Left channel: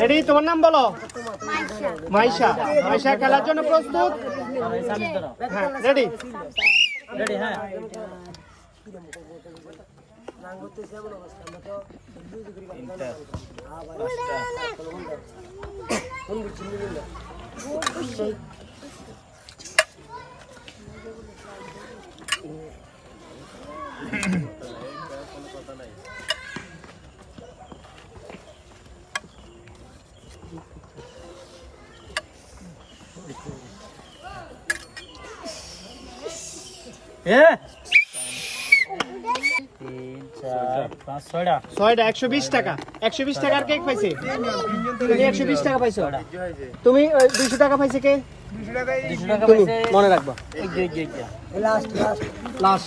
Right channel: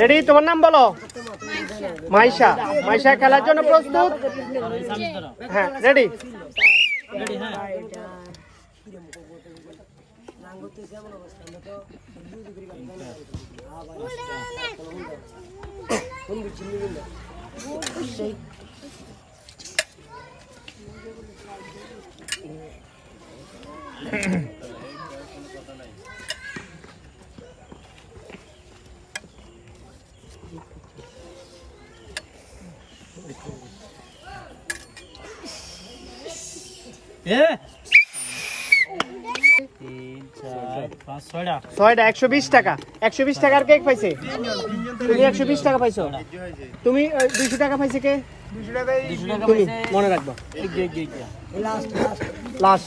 ready তোমার নাম বলো মাইশা মাইশা খেলার জন্য প্রস্তুত হ্যাঁ রেডি রেডি হ্যাঁ ছয়টা 120 টাকা 120 টাকার কেক পাইছে তুমি 120 টাকা পাইছো তুমি 200 টাকা পাইছে কে 200 টাকা পাইছে মনে রাখবা লাস্ট